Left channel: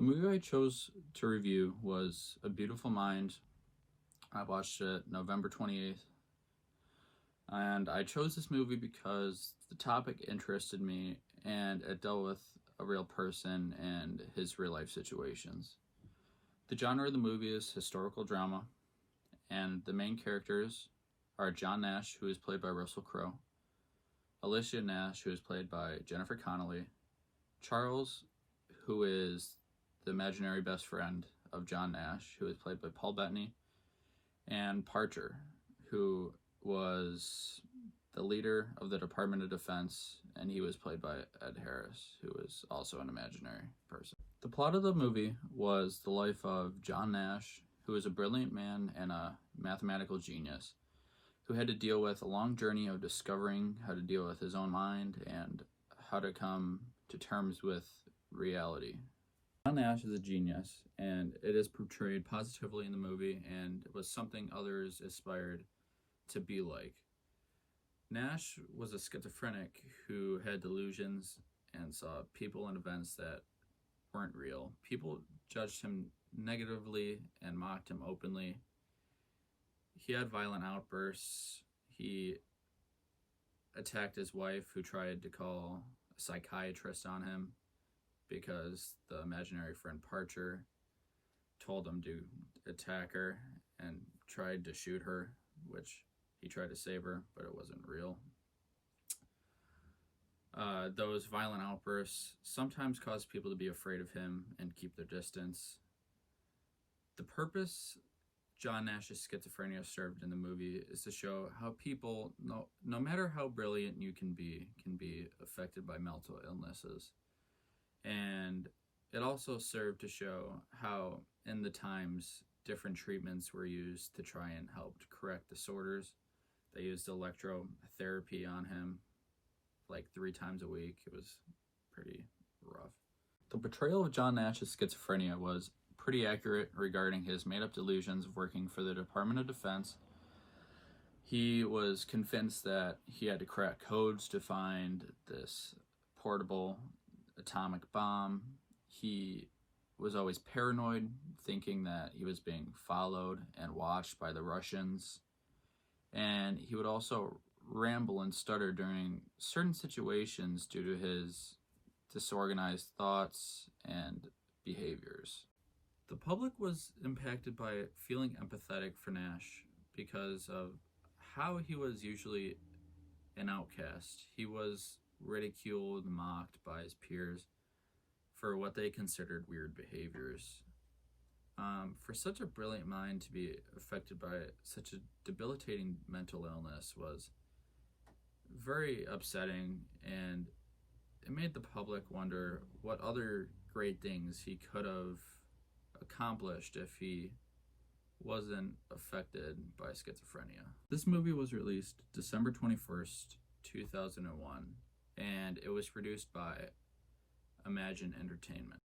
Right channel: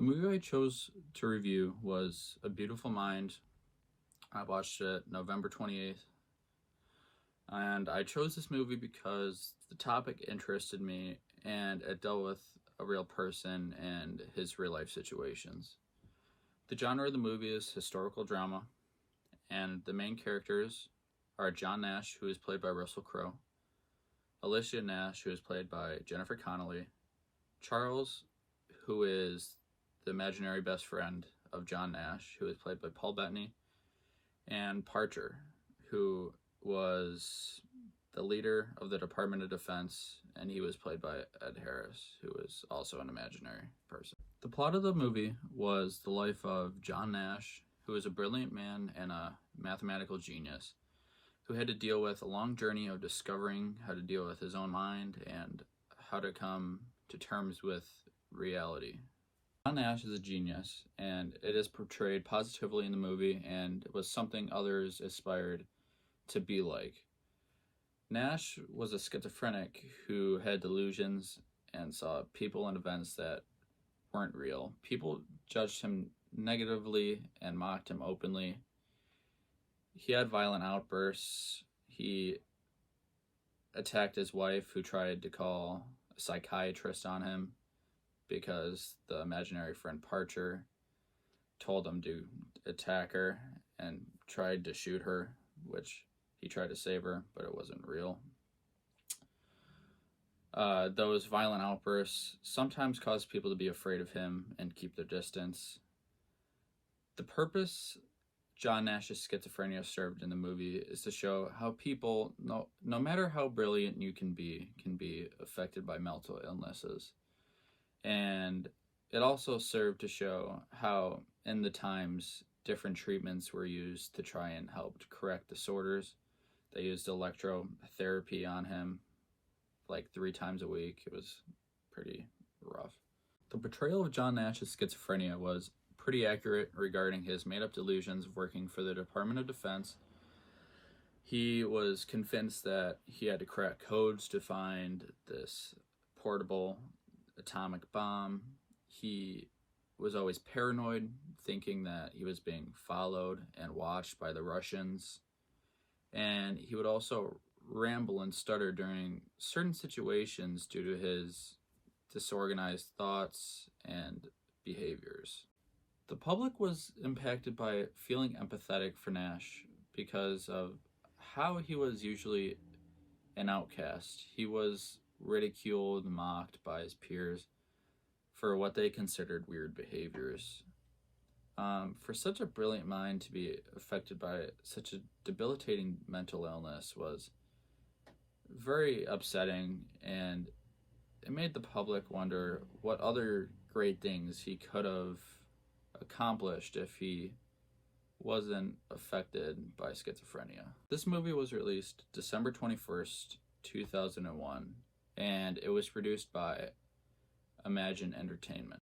The movie I chose to review was A Beautiful Mind. I watched it November 28th. And I chose this movie because the topic interested me and it dealt with a real person and his real life situations. The genre of the movie is historical drama, and the main characters are John Nash, who is played by Russell Crowe, Alicia Nash, who is played by Jennifer Connelly, Charles, who is the imaginary best friend of John Nash, who is played by Paul Bettany, and Parcher, who was the leader of the Department of Defense, and he was played by Ed Harris, who is also an imaginary person. The plot of the movie was the life of John Nash, who is a brilliant man and a mathematical genius, who had to deal with a long journey of discovering how to deal with his own mind and how to come to terms with reality. John Nash is a genius, and it is portrayed positively in the movie, and it was something others aspired to be like. Nash was a schizophrenic who had delusions and saw people and events that weren't real. People judged him negatively and mocked him openly. He had violent outbursts. He attacked his wife, who tried to call a psychiatrist on him because the imaginary friend Parcher told him to attack her and tried to shoot her, which he tried to save her, but it wasn't real. Those violent outbursts sometimes caused people to be afraid of him and keep their distance. The purpose John Nash's schizophrenia served in the movie is to show how people, no matter how brilliant you can be affected by mental illnesses. And it also served to show how, in the times, different treatments were used to try and help to correct disorders. They used electrotherapy on him like 3 times a week. It was pretty rough. The portrayal of John Nash's schizophrenia was pretty accurate regarding his made-up delusions of working for the Department of Defense. He was convinced that he had to crack codes to find this portable atomic bomb. He was always paranoid, thinking that he was being followed and watched by the Russians. And he would also ramble and stutter during certain situations due to his disorganized thoughts and behaviors. The public was impacted by feeling empathetic for Nash because of how he was usually an outcast. He was ridiculed and mocked by his peers for what they considered weird behaviors. For such a brilliant mind to be affected by such a debilitating mental illness was very upsetting, and it made the public wonder what other great things he could have accomplished if he wasn't affected by schizophrenia. This movie was released December 21st, 2001, and it was produced by Imagine Entertainment.